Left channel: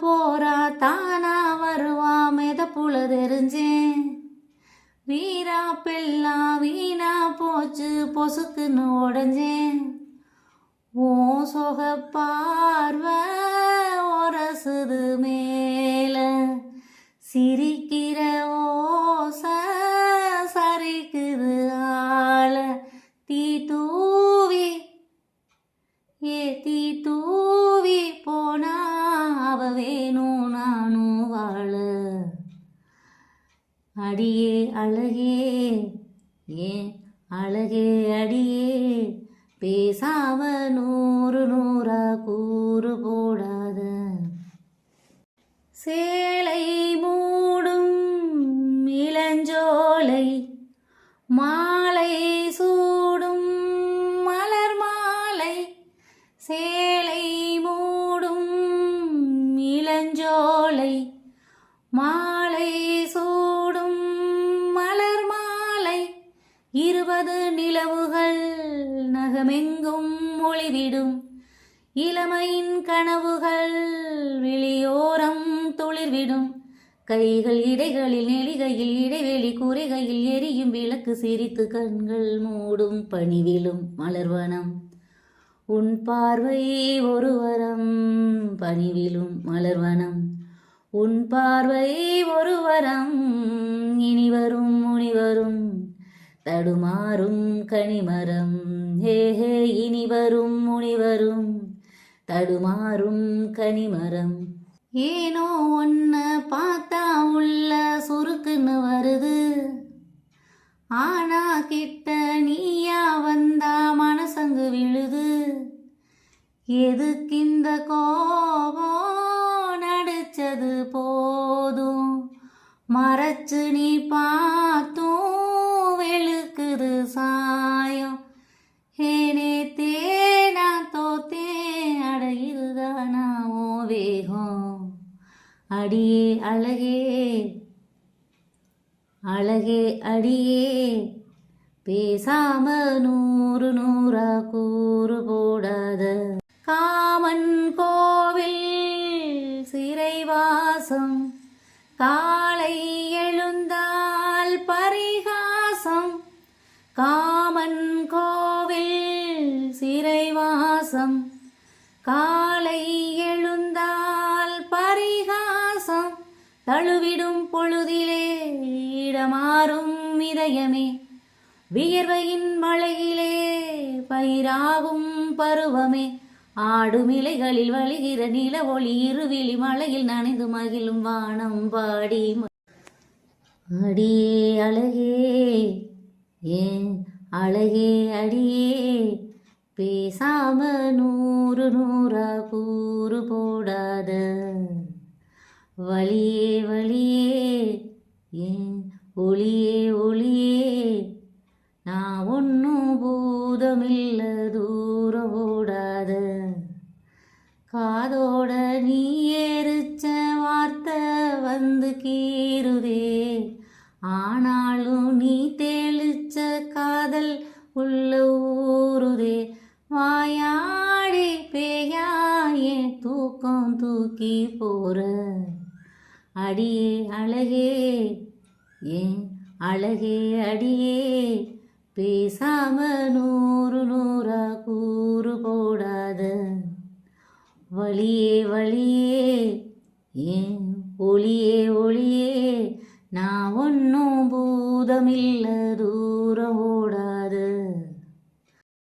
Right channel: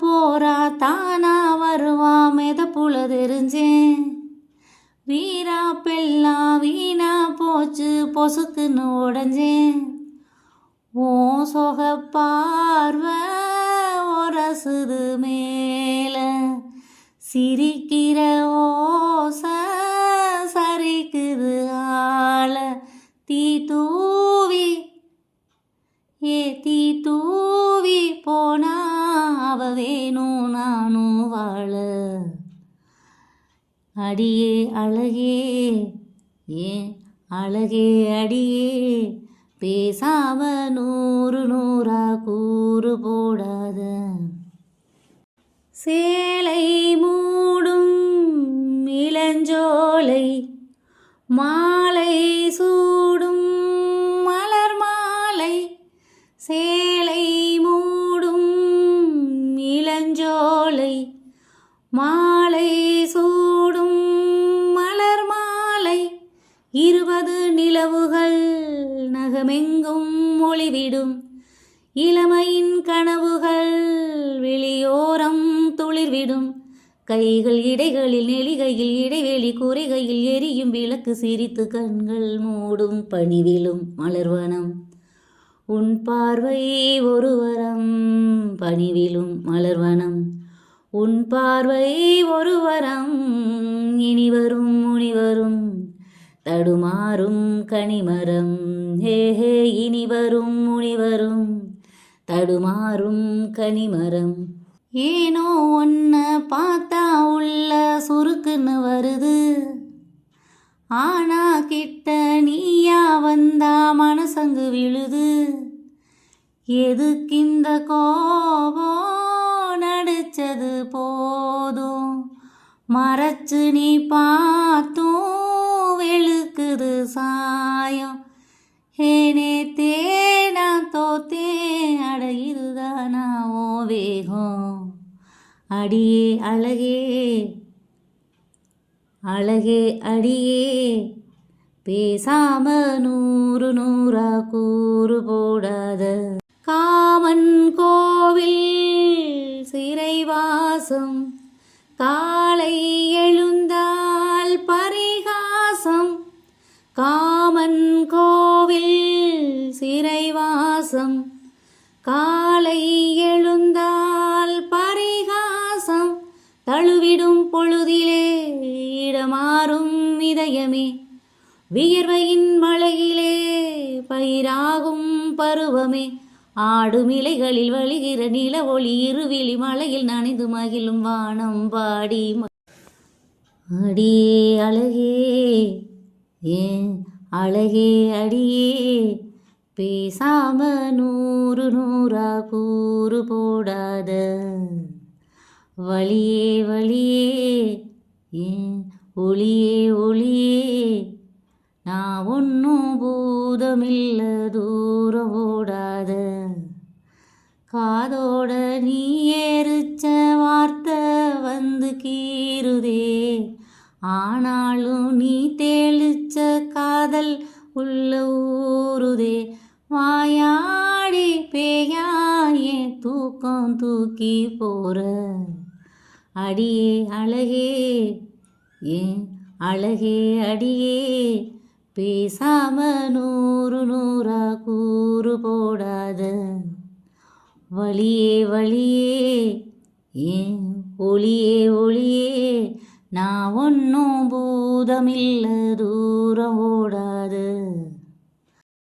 போறா தானா வருவா மெதப்புல தெரிஞ்சேன். வீரா பெல்லாம் வீணா போச்சு பொசுக்குன்னு உடஞ்சேன். ஓ சொக பார்வை ஒரசுது மேல சிரிக்கிற ஓச சரிக்குது ஆள. தீ தூவி தீ தூவி போனா அவ வேணும் நானும் வாழ. அடியே அழகே ஏன் அழகே அடியே பேசாம நூறு நூறா கூறு போடாத. சேலை மூடும் இளஞ்சோலை மாலை சூடும் மலர் மாலை. சேலை மூடும் இளஞ்சோலை மாலை சூடும் மலர் மாலை. 20 நிலவுகள் நகமெங்கும் ஒளிவிடும் இளமையின் கனவுகள் வெளியோரம் துளிர்விடும். கைகள் இடைகளில் நெளிகையில் இடைவெளி குறைகையில் எரியும் விளக்கு சிரித்து கண்கள் மூடும் பணிவிலும் மலர்வனம். உன் பார்வை ஒரு வரம் பணிவிலும் மலர்வனம். உன் பார்வை ஒரு வரம் இனிவரும் முனிவரும் தடுமாறும் கனிமரம். ஹே இனிவரும் முனிவரும் தடுமாறும் கனிமரம். ஏனோ ஒன்ன பார்த்தா உள்ள சுருக்குன்னு வருது. ஆனா கிட்ட நீயா வந்தா மனசங்கு விழுது. எதுக்கிந்த கோபம் நடிச்சது போதும் மறைச்சு நீ பார்த்தும் வெளுக்குது சாயம். ஏனே தேனா தோத்தே அட இதுதானா ஓ வேகம். அடியே அழகே அழகே அடியே பேசாம நூறு நூறா கூறு போடாத. காமன் கோவில் சிறைவாசம் காலை எழுந்தால் பரிகாசம். காமன் கோவில் சிறைவாசம் காலை எழுந்தால் பரிகாசம். தழுவிடும் பொழுதிலே இடமாறும் இதயமே வியர்வையின் மழையிலே பயிராகும் பருவமே. ஆடும் இலைகளில் வழிகிற நில ஒளி இருவிழி மலையில் நனைந்து மகிழும் வானம் பாடி. அடியே அழகே ஏன் அழகே அடியே பேசாம நூறு நூறா கூறு போடாத. வழியே வழியே ஏன் ஒளியே ஒளியே நான் ஒன்னும் பூதமில்ல தூரம் ஓடாத. காதோட நீ எரிச்ச வார்த்தை வந்து கீறுதே. ஆனாலும் நீ தெளிச்ச காதல் உள்ள ஊறுதே. வாயாடி பேயாயே தூக்கம் தூக்கி போற. அடியே அழகே ஏன் அழகே அடியே பேசாம நூறு நூறா கூறு போடாத. வழியே வழியே ஏன் ஒளியே ஒளியே நான் ஒன்னும் பூதமில்ல